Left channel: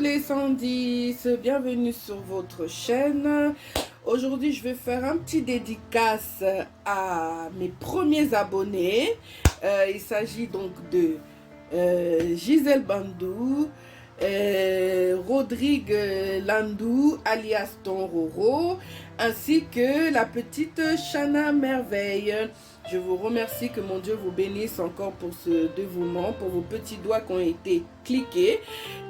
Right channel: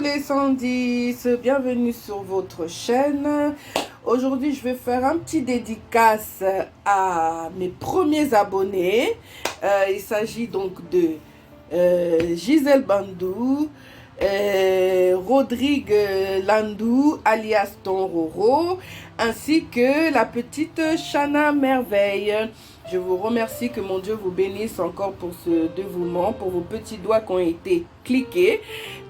les 110, bienvenue sur votre chaîne. Aujourd'hui, je vais faire un petit dédicace à mes premiers abonnés. Il s'agit donc de Gisèle Bandou, Rodrigue Landou, alias Tonroro, ainsi que la petite Chana Merveille. Je vous remercie, que mon Dieu vous bénisse encore pour ce dévouement, pour vos petits doigts qui ont été cliqués.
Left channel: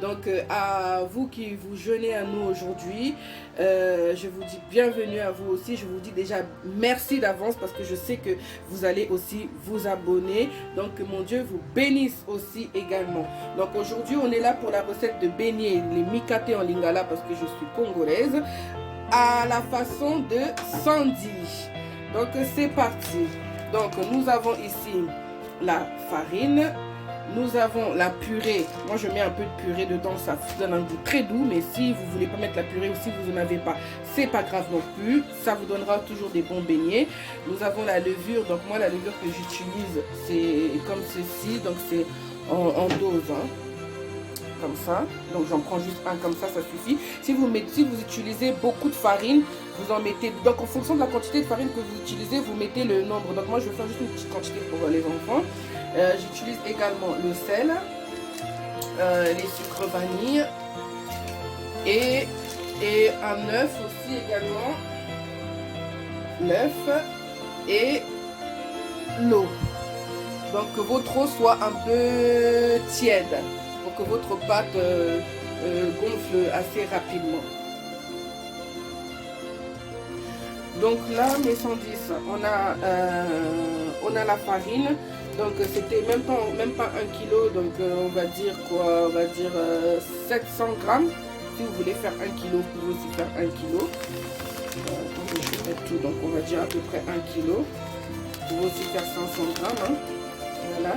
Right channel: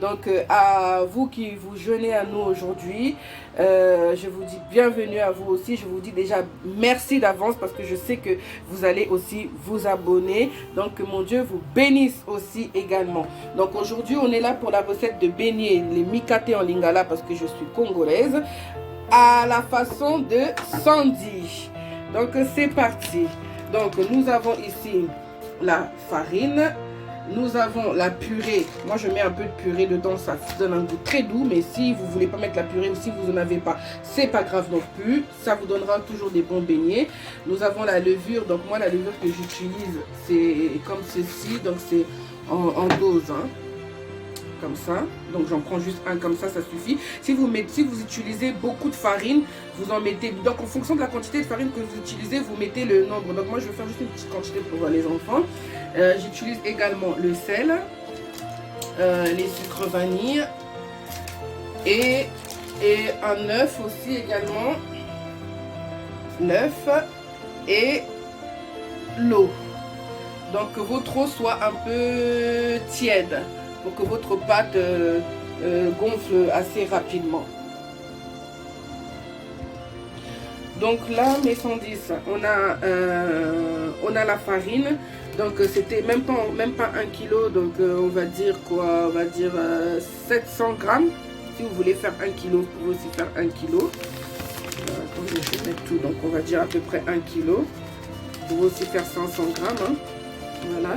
Donc, à vous qui vous jeûnez à nous aujourd'hui, je vous dis bienvenue à vous aussi. Je vous dis déjà merci d'avance parce que je sais que vous allez aussi vous abonner. Donc, que mon Dieu vous bénisse aussi également. Donc, aujourd'hui, on est là pour la recette de beignets, les mikate en lingala parce que je suis congolaise, à la façon de Sandy. Donc, c'est parti. Donc, nous avons ici la farine, nous avons la purée. Moi, je mets un peu de purée dedans, ça donne un goût très doux. Mais si vous ne voulez pas mettre la purée ou si vous n'en avez pas, c'est pas grave non plus. Ça vous donnera toujours des bons beignets. Nous avons la levure. Donc, moi, la levure que j'utilise, c'est comme ceci. Donc, c'est en dose, hein, comme ça. Donc, j'en prends juste un comme ça suffit. Si vous utilisez beaucoup de farine, vous en mettez. Donc, en fonction de la quantité de farine que vous utilisez, vous mettez le nombre. Donc, moi, je vais faire juste une petite quantité pour les enfants. J'utilise également le sel, les sucres vanille et un œuf aussi également. L'œuf et l'eau. Donc, que votre eau soit un peu tiède, pour que votre pâte gonfle assez rapidement. Donc là, mes 110, on a la farine. Donc c'était même pas 1 kg. Donc on va dire quoi? On va dire 700 grammes. Si vous voulez faire 1 kg, vous pouvez aussi faire 1 kg. Attendez, je vais mettre tout. Donc on va dire à peu près 1 kg. Vous pouvez aussi faire 500 grammes. Hein. Voilà.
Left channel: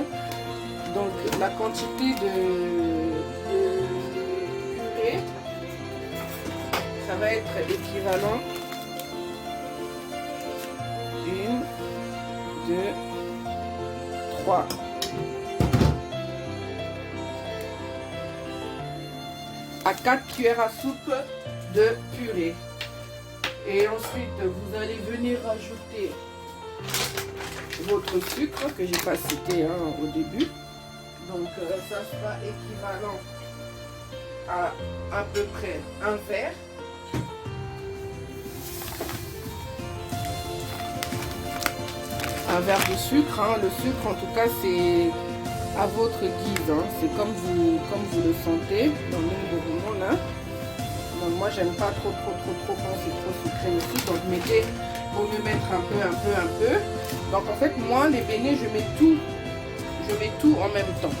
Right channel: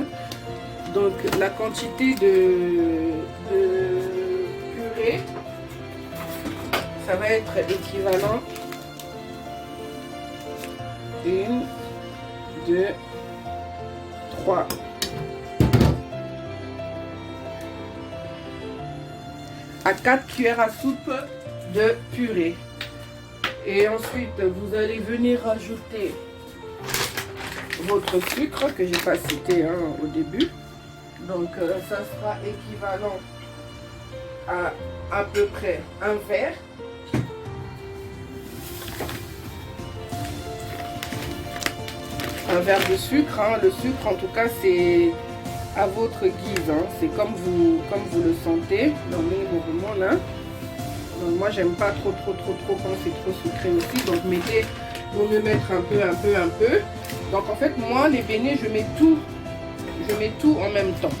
Donc la quantité de purée, ça va être équivalent 1, 2, 3. À 4 cuillères à soupe de purée. Et ensuite, vous allez venir rajouter votre sucre que j'ai pas cité au début. Donc, ça sera équivalent à peu près un verre. Un verre de sucre. Hein. Le sucre, en tout cas, c'est à votre guise. Hein. C'est comme vous le sentez dans le moment là. Donc, moi, j'aime pas trop quand c'est trop sucré aussi. Donc, vaut mieux mettre un peu. Donc, en fait, moi, les beignets, je mets tout en même temps.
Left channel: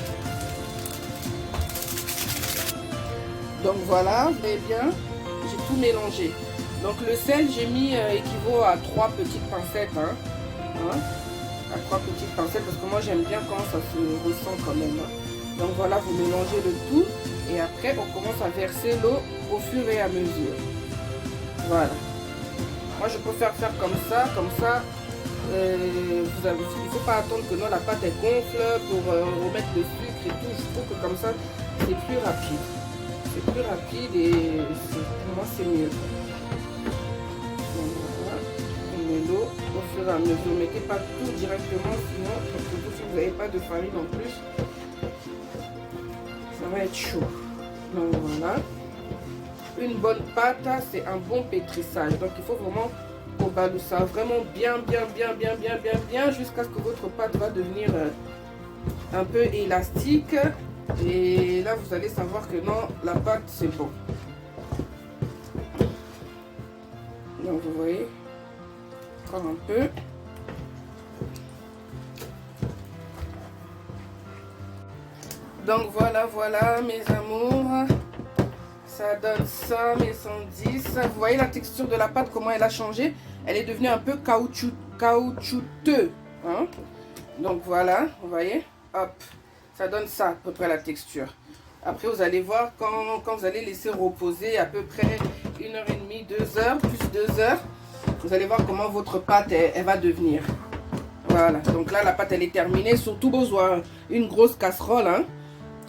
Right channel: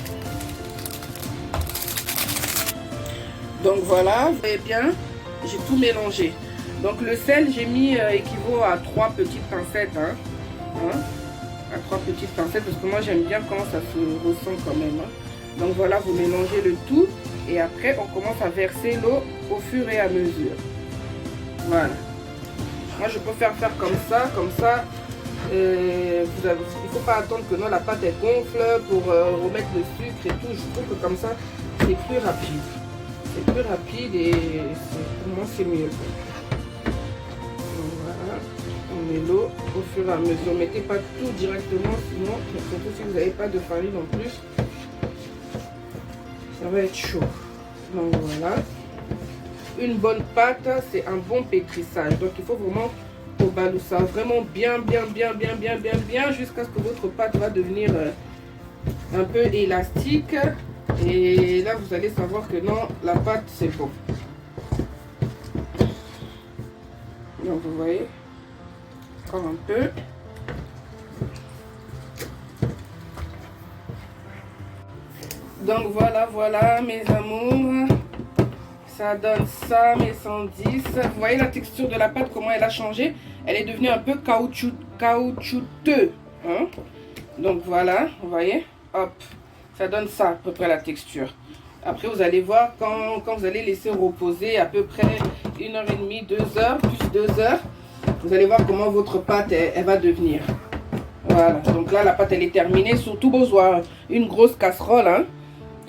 Donc voilà, vous voyez bien, j'ai tout mélangé. Donc le sel, j'ai mis équivaut à 3 petites pincettes. À 3 petites pincettes, parce que moi j'aime bien quand ça se ressent quand même. Hein. Donc voilà, vous mélangez le tout. Et après, on commence à verser l'eau au fur et à mesure. Voilà. Moi, je préfère faire comme ça. Il ne faut pas attendre que la pâte elle gonfle pour remettre le sucre et tout. Je trouve que comme ça, c'est plus rapide. C'est plus rapide et pour moi, c'est mieux. Donc voilà, on met l'eau au fur et à mesure. Ne mettez pas tout directement, sinon, surtout si vous n'avez pas de farine en plus, ça va être chaud. Donc voilà. Une bonne pâte, c'est un bon pétrissage. Donc il faut vraiment au baloussa, vraiment bien jusqu'à ce que votre pâte va devenir un peu élastique. Et là vous allez savoir que non, la pâte c'est bon. Donc vous voyez, encore un peu. Donc voilà mes amours. Ça donne ça, mes 110. Vous voyez la texture de la pâte, comment elle a changé? Elle est devenue un peu caoutchouteux. Hein? Donc voilà, vous voyez? Hop, ça donne ça à peu près la texture. Après, vous allez voir quand vous allez laisser reposer à peu près 1h30, 2 heures, plus 2 heures. Vous allez voir comment votre pâte, elle va devenir. Voilà, donc là, la pâte, elle est terminée. Surtout besoin une grosse casserole, hein.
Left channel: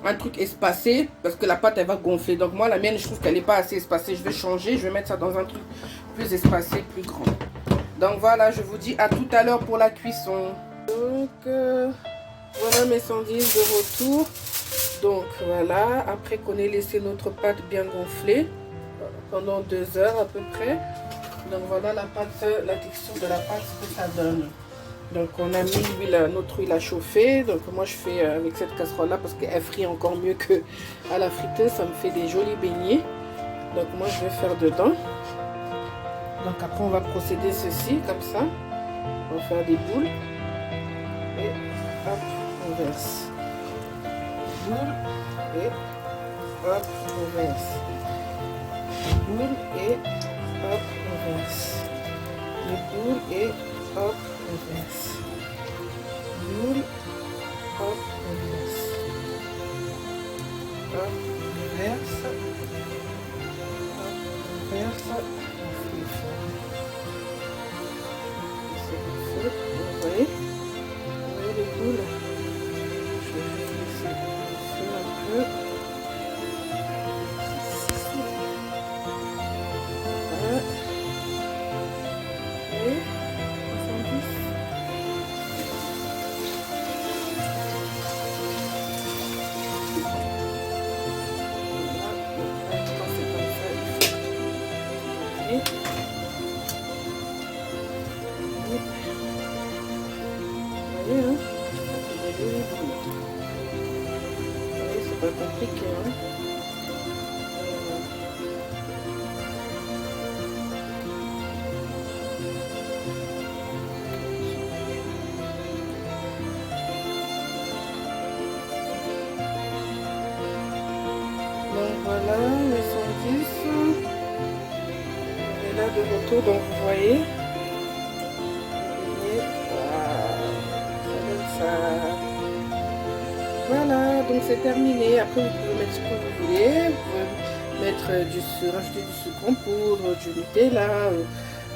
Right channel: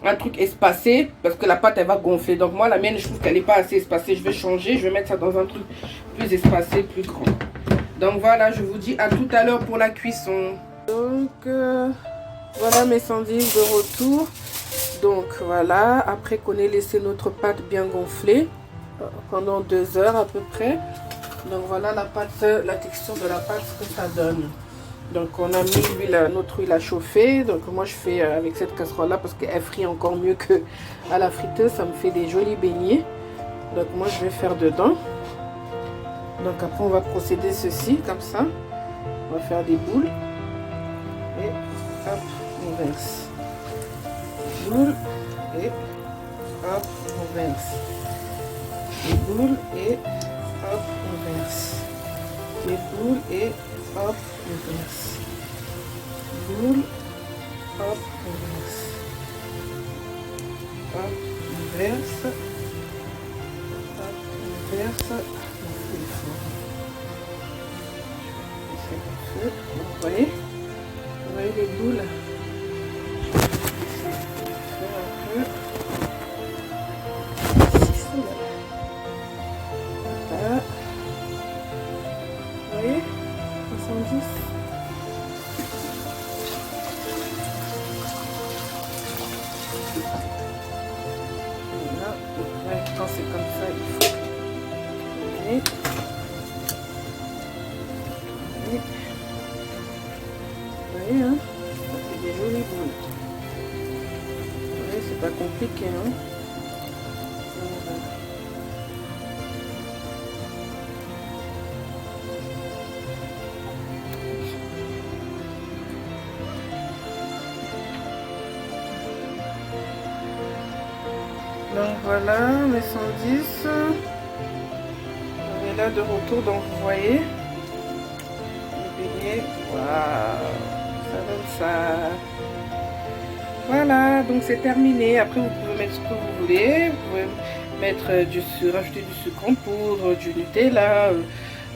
un truc espacé parce que la pâte elle va gonfler. Donc moi la mienne je trouve qu'elle n'est pas assez espacée. Je vais changer, je vais mettre ça dans un truc plus espacé, plus grand. Donc voilà, je vous dis à tout à l'heure pour la cuisson. Donc voilà mes sandises de retour. Donc voilà, après qu'on ait laissé notre pâte bien gonfler pendant 2 heures à peu près. Donc voilà la pâte, la texture de la pâte, ce que ça donne. Donc on a mis l'huile, notre huile à chauffer. Donc moi je fais avec cette casserole là parce qu'elle frit encore mieux que à la friteuse. Ça me fait des jolis beignets. Donc moi je vais faire dedans. Donc après on va procéder ceci comme ça. On va faire des boules. Et hop, on verse. Boule et hop, on verse. Les boules et hop, on verse. Les boules et hop, on verse. Boule, hop, on verse. Hop, on verse. Hop, on verse. On fait le fort. Je vais baisser le feu. Bon, vous voyez les boules. Je vais baisser le feu un peu. Voilà. Vous voyez 70. Voilà. Donc là, quand c'est comme ça, il faut tourner. Vous voyez, hein, ça fait des jolies boules. Vous voyez, c'est pas compliqué, hein. Voilà. Donc voilà, mes 110. On est là de retour, donc vous voyez. Le beignet, waouh, ça donne ça. Voilà, donc c'est terminé. Après, vous pouvez mettre ce que vous voulez. Vous pouvez mettre rajouter du sucre en poudre, du Nutella.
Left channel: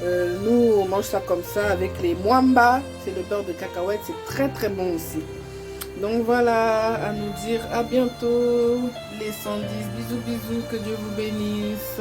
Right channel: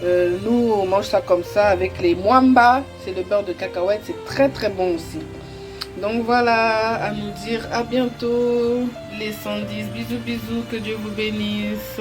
Nous, on mange ça comme ça avec les mwamba. C'est le beurre de cacahuète. C'est très très bon aussi. Donc voilà, à nous dire à bientôt les 110. Bisous, bisous, que Dieu vous bénisse.